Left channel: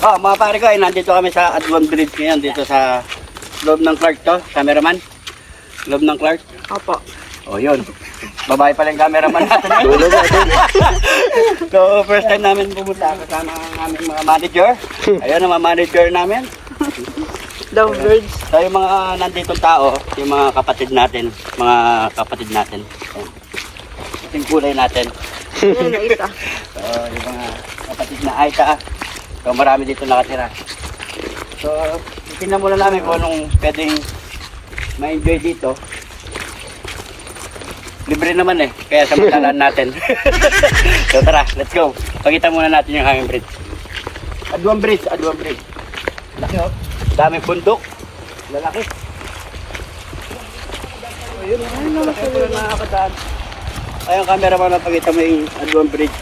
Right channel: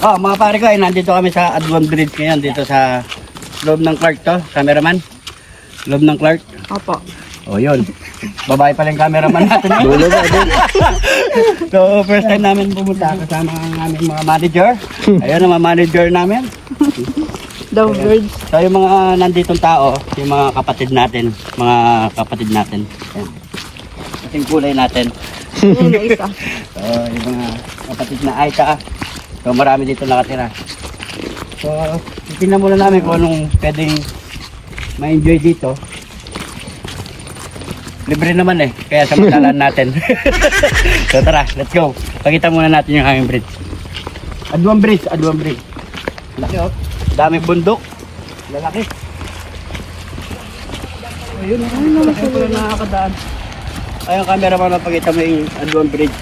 Oh, mga pare ko, nandito kami sa Adwan Bridge ngayon, dito sa loob ng Clark to, cameraman. Loob ng Clark. Opo. Oh, yun. Babae pa lang cameraman natin. So, first time namin pumunta kasama ang aming mga manager. Ayan ang mga manager namin. The birds. So, yung mga nanditong tao, yung mga kapatid natin. Mga kapatid natin. Ayan. Ating kulay natin. Yan, isa. So, yung mga kapatid na Aisha. So, marami dito nakatira. So, tingnan muna namin kung anong pwedeng ma-enjoy dito. Libre naman eh, kaya samantalaan natin. So, tara, let's go. Pakita muna natin yung aming bridge. Adwan Bridge, Adwan Bridge. Daming bundok. Malaki. Ayun, dito na nakakadaan. Ayun, camera pa na pakita mo yung Adwan Bridge.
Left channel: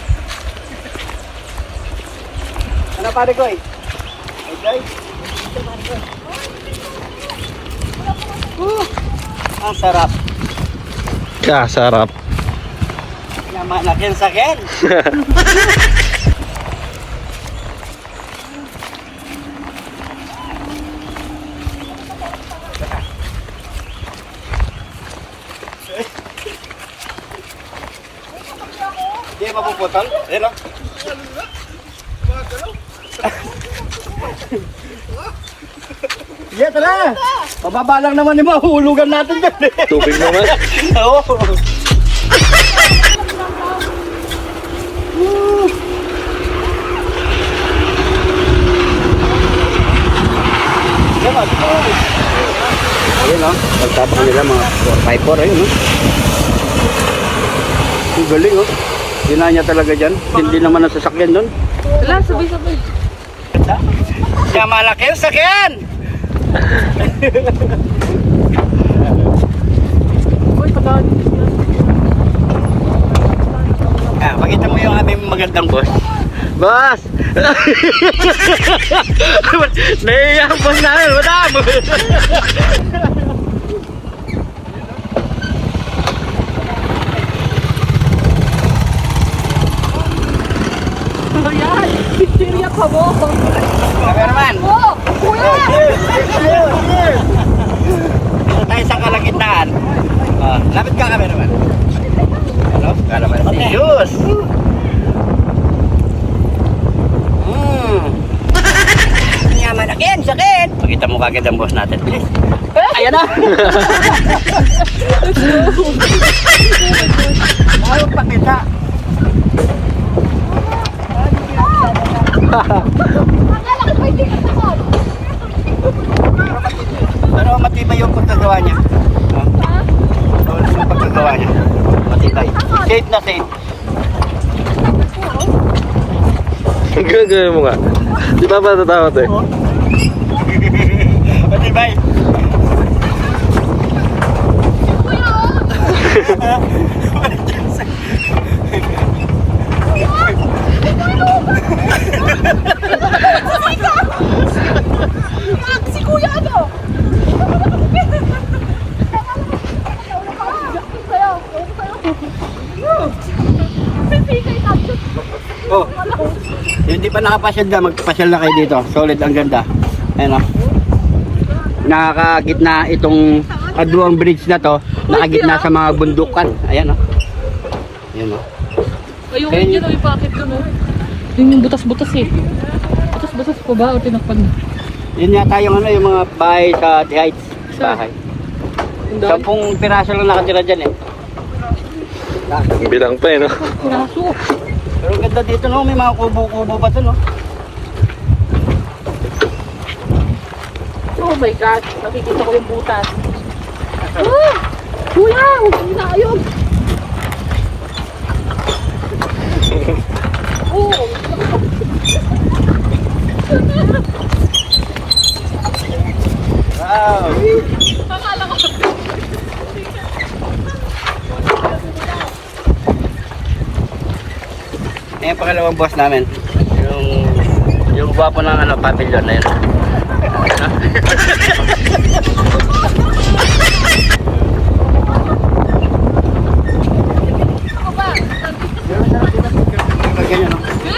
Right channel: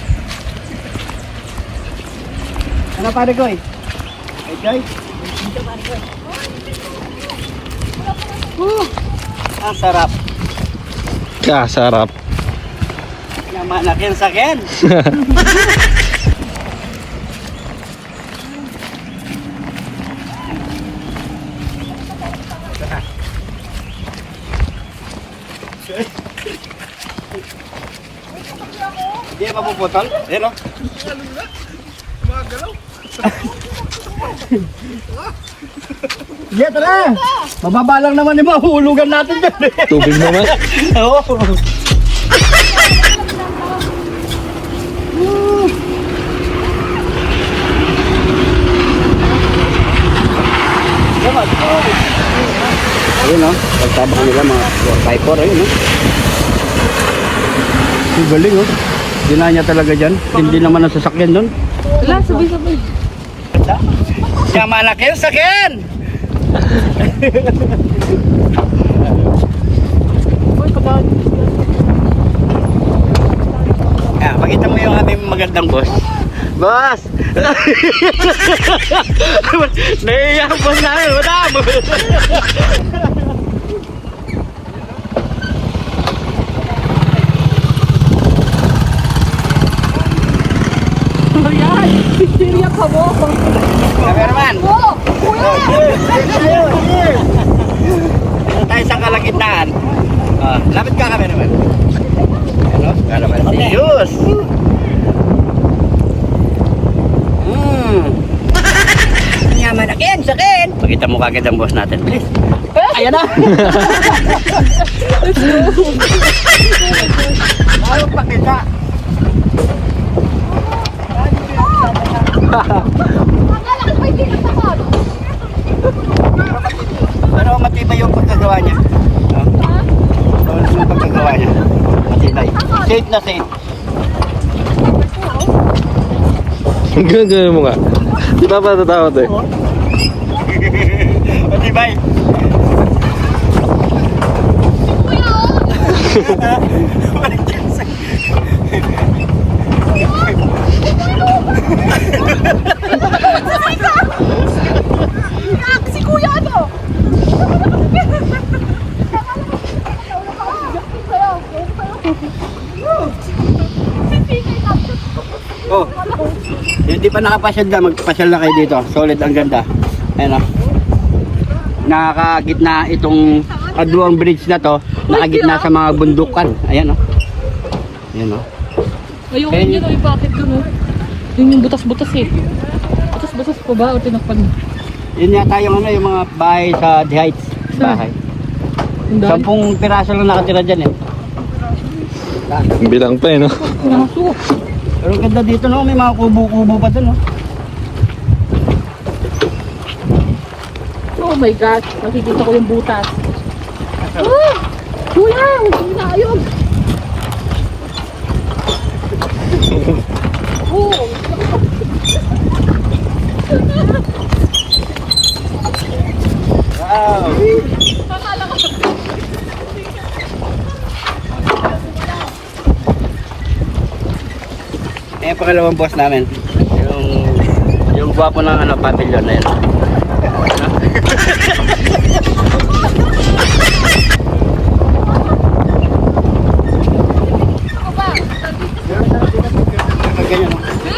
Ano pare ko eh? Okay? Ang sarap. Sarap. Naman again sa akin. Hindi pa mapuputol? Ayan o. Sige, tara! Mababa lang naman yung mahulugan natin. Tubig mo na. Oo. Viper ayun. Ang galing oh. Dinanya talaga dyan. Hindi naman ang sasakyan doon. Wala, sabi. Yaman na kayo sakyan! Uy, pagkakali. Pakita mo yung ating magandang boss. Boss! Naiyak ko na! Wala! Cameraman! Tayo sa kalagitnaan. Lapit ka cameraman. Ano? Cameraman. Ayos! Yaman na kayo sakyan! Pakita mo kagad ang boss natin. Please. Ayan na! Pakita! Ano matibay yung pagkagawa niya? Ano yung pagkagawa niya? Matibay. Safe na safe. Gagawin mo ka. Di ba pa natatakot eh? Matibay. Oh, hindi pa nakapasyal na, magpasyal na kayo dito. Solid, ang ganda. Ayan o. Nakakagitna itong Adwan Bridge na to. Nakagitna sa mga bundukan. Ayan o. Ayan o. Ayun, yun yung bakit ko, no? Yun yung butas-butas eh. Butas-butas po ba o tinakpan? Yun yata yung ano, yung mga bahay sa The Heights. Bahay. 10 piraso lang nakatira dyan eh. Bilang pa eh, no? Pero ganda dito no, may mga kubo-kubo pa dun no. Oh my God, nakikita ko yung butas. Wow. Eh, pangalawang boss namin. Yung gwapo na anak natin yan na yun.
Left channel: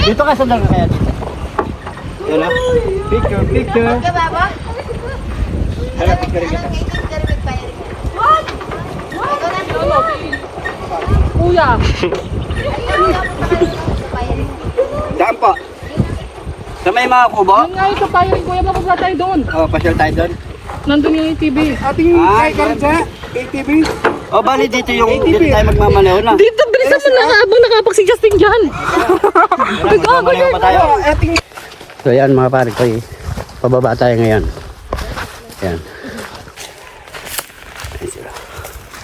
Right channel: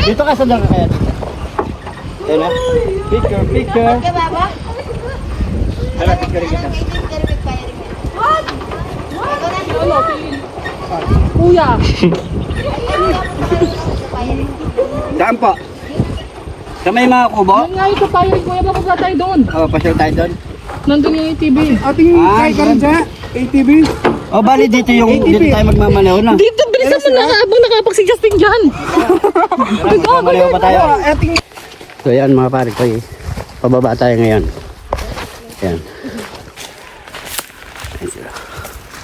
Dito ka sa dagat. Yan ah. Picture, picture. Saan po? Sa may mga kubo? Ngayon tayo, ito tayo doon. Oh, pasyal tayo doon. Nandun yung ATV. ATV? Oh, bali dito yung dito tayo magmamaliw na. Dito, bilisan mo na habang nakapag si Justin dyan. Magmamaliw pa tayo. So yan mga pare ko, pababa tayo ngayon. Yan.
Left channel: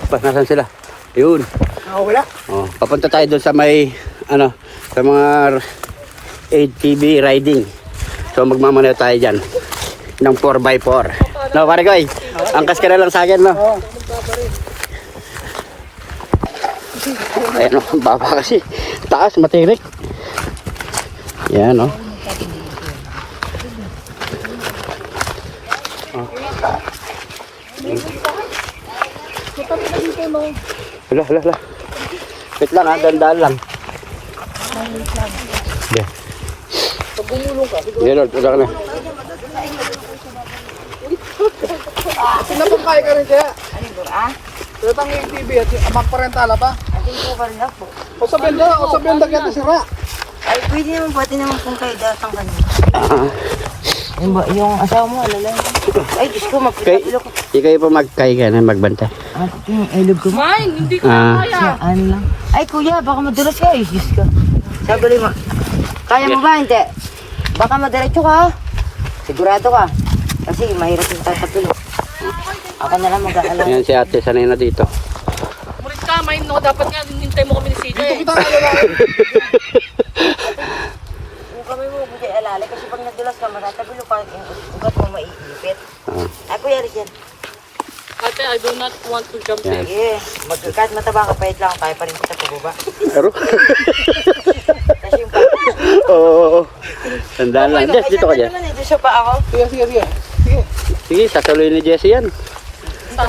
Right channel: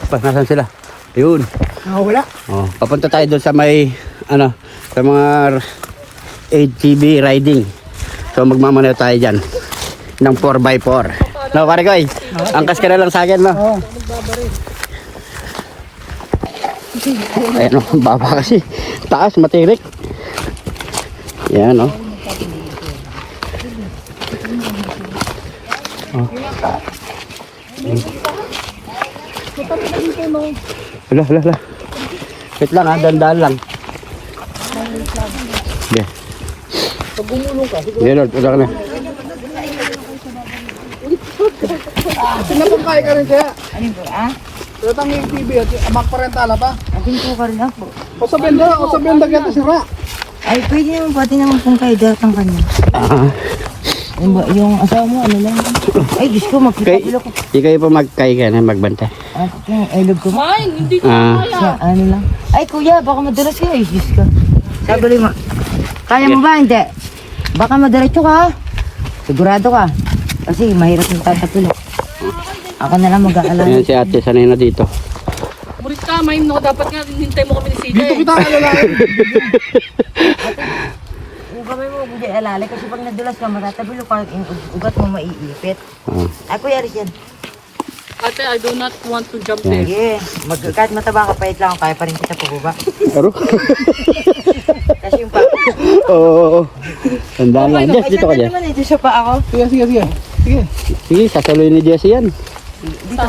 Pababa sila. Yun. Wala. Oh, papunta tayo doon sa may ano, sa mga ATV riding. So magmamaliw tayo dyan ng 4x4. No, pare ko, angkas ka na lang sa akin, no? Oo. Pero baba kasi. Taas, matirik. Yan, eh. Hala. Wait lang, dandaan lang. Yan, Lord, punta kami. Alin po, ah? Ating po ka rin ako. Sa benda gata sila. Ay, pwede naman, pati naman pong kayo datang kanina. Yan ba, yung asawa mo, ano lang? Ay, Diyos ko, magpita-pilo ko. Hindi kayo pa magkaiga na magbanta. Ah, yung elog ko. Mine, hindi ko na kaya. Siya, ano lang. Ay, kuya, baka madulas ka. Ay, Diyos ko. Sabi mo, kaya mo ba? Hindi. Baka madiretso ka, ha? Sigurado ka. Kasi mahirap yung tatapil. Ako na lang mag-aalam. Yan si ate, sanay na dito. Buris ka, mine, no? Dapat nga, hintay mo kami ni Sina eh. Hindi ba may mabudi alala? Kasi pag nadulas ka, matatapil ka, yung ugat mo maiipit. Ay, kuya, Aris yan. Ate, I do not want to jump there. Sige, kahit mataba ka, pahit lang, kaya pa rin kita pababa. Pero? Kasi yung pa. Oo. Tandaan lang. Jess, dito ka, Jess. naman, ito siya pa ako. Sige. Sige, sasaluhin ni Jessie yan.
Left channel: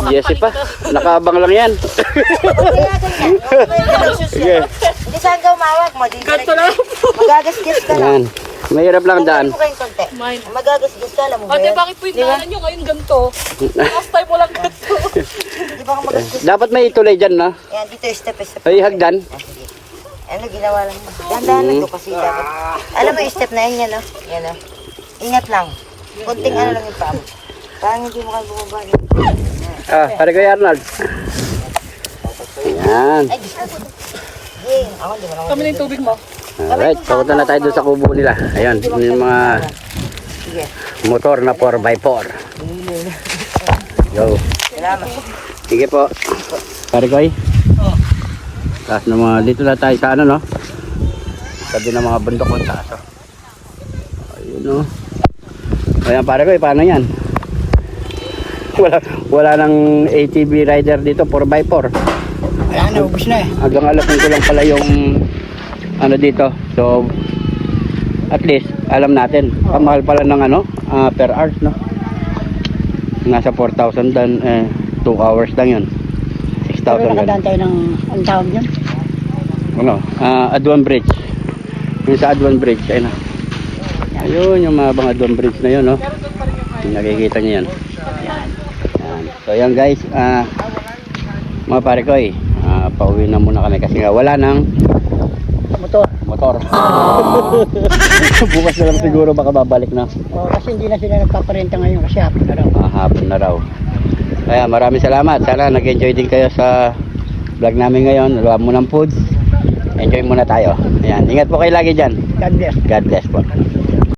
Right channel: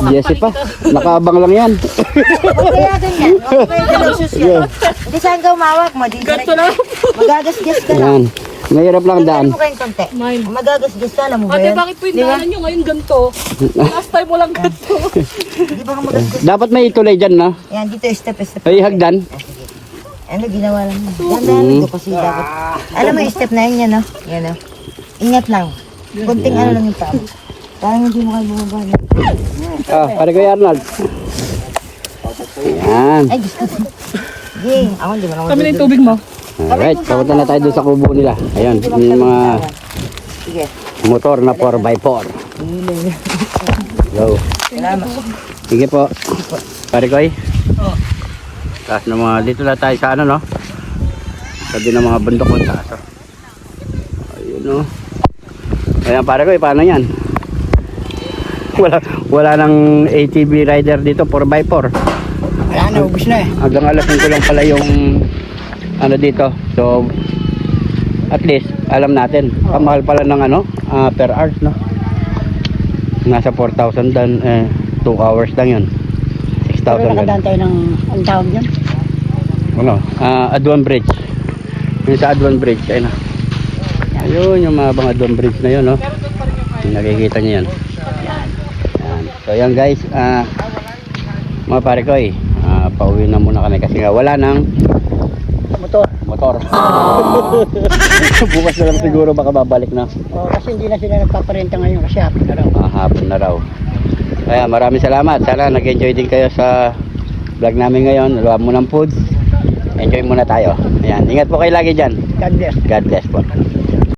Jessie pa. Nakaabang lang yan. Huwag kaya ganyan. Huwag kaya ganyan susunod. Di saan ka umawak mo? Ganto lang. Magagasgas ka lang. Yan. Mahirap lang ang daan. Tanggalin mo kayong konti. Mine. Magagasgas ka, alam mo ba Ate, yan? bakit po yung daanan nyo ngayon ganito? Last time mo lang ganito. Di ba ka magasgas? Dapat may itulay dyan, no? Yan, dito step. Ay, hagdan. Ah, sige. Ano ginawa lang yan? Dandahan lang doon kasi dapat. Alam mo yung step na yun, yan o. Yan o. Ingat lang. Kunting ano lang yung paa. Parang hindi mo kayo bumaba. Pare ko yan, Lord. Yan. Ay, Diyos ko. Hindi, ako hindi mo naman. Kami na yung tubig mo. Alright, papunta na tayo doon sa kubo nila. Ayan, yun yung mga Sige. motor na 4x4. Hihilin. Yo. Salamat. Sige po. Pare ko ay. At dito na tayo sa ano, no? Sabi ng mga bundok ko taas. Ayun, no? Ayan, pare ko, paano yan? Wala nang ATV rider dito, 4x4. Wala na, ubus na eh. Hanggang alam ko lang pala yung ano dito. So, at least, alam natin. Ang mahal pala ng ano, per hours, no? Nasa 4,000 dan, 2 hours lang yun. 6,000 ganun. tayo ng, ang tawag dyan? Ano? Aduan Bridge. Yung sa Aduan Bridge, ayun na. Ayun, yung mga bang Aduan Bridge na yun, no? Yung nakikita niyo yan. Yan. So yan guys, mga pare ko pauwi na muna kami kasi nga wala nang motor. Bukas na lang siguro baka babalik na. Kasi hindi na sila nagpaparenta ngayon kasi hapon na raw. Hapon na raw. Kaya maraming salamat. Sana nag-enjoy din kayo sa vlog namin ngayon. Luwa mo ng foods. Enjoy muna tayo. Ayan. Ingat po kayo lagi dyan. God bless. God bless po.